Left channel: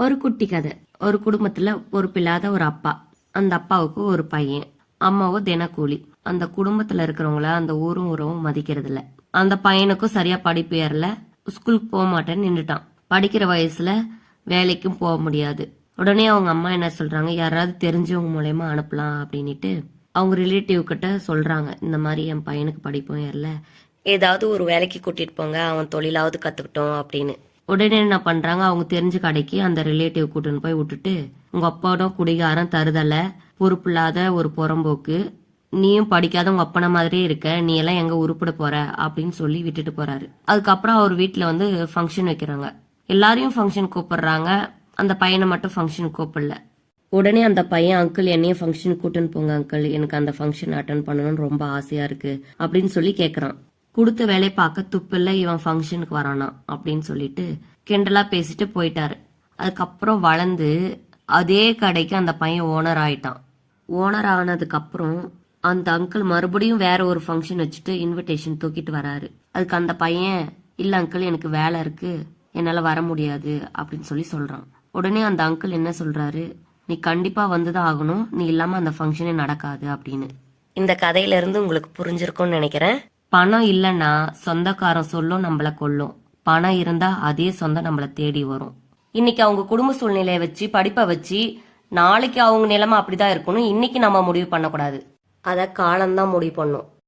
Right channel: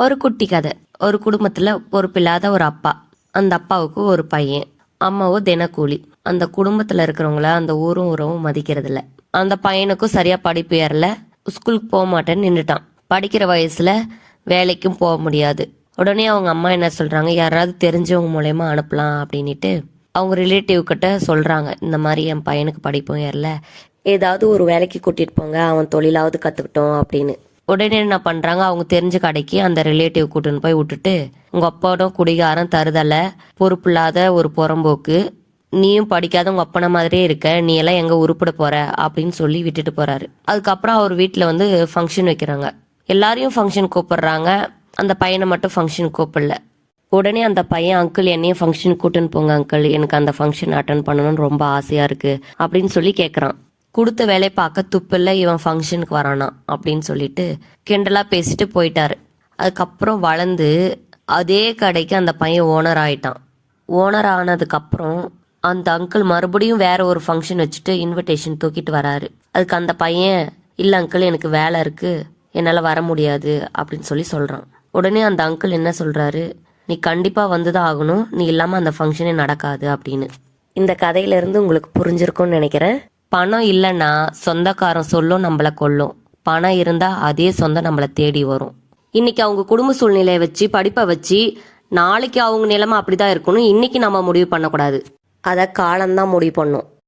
ஒரு குட்டி கதை. ஒரு குடும்பத்துல பொறுப்பில்லாத ஒரு அப்பா. அந்த அப்பாவுக்கு ஒரு பையன். அம்மாவும் தினக்கூலி. அந்த குடும்பத்துல இருக்கிறவங்கள அந்த ஊரும் உறவும் மதிக்கிறது இல்ல அந்த பையனுக்கும் சரியா படிப்பு ஏறல. ஸ்கூலுக்கு போக மாட்டேன்னு நின்றுட்டான் படிக்கிற வயசுல வேலைக்கும் போக முடியாது. உடனே அவங்க அம்மா என்ன சொல்றாங்க? யாராவது தெரிஞ்சவங்க மூலயமா அனுப்பலாம் அப்படின்னுட்டு அவங்க ரிலேட்டிவ் கிட்ட சொல்றாங்க. இந்த மாதிரி என் பையனுக்கு படிப்பும் ஏறல. ஏதாவது ஒரு வேலைக்கு கூட்டிட்டு போங்க. அவன் தொழிலாவது கத்துக்கிட்டோம் அப்படின்னு. உடனே என்ன பண்றாங்க? அவங்க தெரிஞ்ச கடைக்கு அந்த ரிலேட்டிவ் கூட்டின்னு போய் விட்டுட்டு உங்க அப்பாவோட குடிகாரம் தருதல பொறுப்பில்லாத ஒரு புறம்போக்கு. நீயும் படிக்காத உங்க அப்பனை மாதிரியே இருக்க. நீ எல்லாம் எங்க உருப்பிட போற? அப்படின்னு சொல்லி விட்டுட்டு போறாரு. அதுக்கப்புறம் அவர் வீட்டுல வந்து ஃபங்க்ஷன் வைக்கிறாங்க. எல்லாரையும் ஃபங்க்ஷன் கூப்பிடுறாங்க. அந்த பையனை மட்டும் ஃபங்க்ஷன் கூப்பிடல. உடனே அந்த பையன் அங்கிள் என்னையும் ஃபங்க்ஷன் கூட்டின்னு போங்க அங்கிள் எனக்கு அந்த ஃபங்க்ஷன் அட்டன் பண்ணணும்னு ரொம்ப ஆசையா இருக்கு. அப்படின்னு சொல்லி கேட்குறான் கொடுத்த வேலை பார்க்க துப்பில்ல இவன் ஃபங்க்ஷனுக்கு வரானா அப்படின்னு சொல்லிட்டு கிண்டலா பேசிட்டு போயிட்டாரு. அதுக்கப்புறம் வளர்ந்து அதே கடைக்கு அந்த பையன் ஓனர் ஆயிட்டான். ஓனர் ஆனதுக்கப்புறம் அந்த அங்கிள் மறுபடியும் வேற ஒரு ஃபங்க்ஷன் வச்சுட்டு இன்விடேஷன் தூக்கிட்டு வராரு. அதுக்கு அந்த பையன் இல்லை அங்கிள் எனக்கு வேலை இருக்கு. என்னால் வர முடியாது அப்படின்னு சொல்லி சொல்கிறான் உடனே அந்த அங்கிள் என்ன சொல்கிறாரு நீ கண்டிப்பா வந்துதான் ஆகணும். நீ இல்லாமல் அந்த ஃபங்க்ஷனே நடக்காது அப்படின்னு. இந்த கதையிலேருந்து உங்களுக்கு புரிஞ்சிருக்கும்னு நினைக்கிறேன். பணம் இல்லைன்னா சொந்தக்காரன் சொல்லும் நம்மளை கொல்லும். பணம் இருந்தா அதே சொந்தம் நம்மளை தேடி வரும். இன்னைக்கு அவங்க குடும்ப சூழ்நிலையை வச்சு படிப்பை வச்சு நாளைக்கு அவங்க நிலைமை அப்படிதான் இருக்கணும். இன்னைக்கு நம்ம முடிவு பண்ணக்கூடாது. அதை காலம்தான் முடிவு பண்ணும்.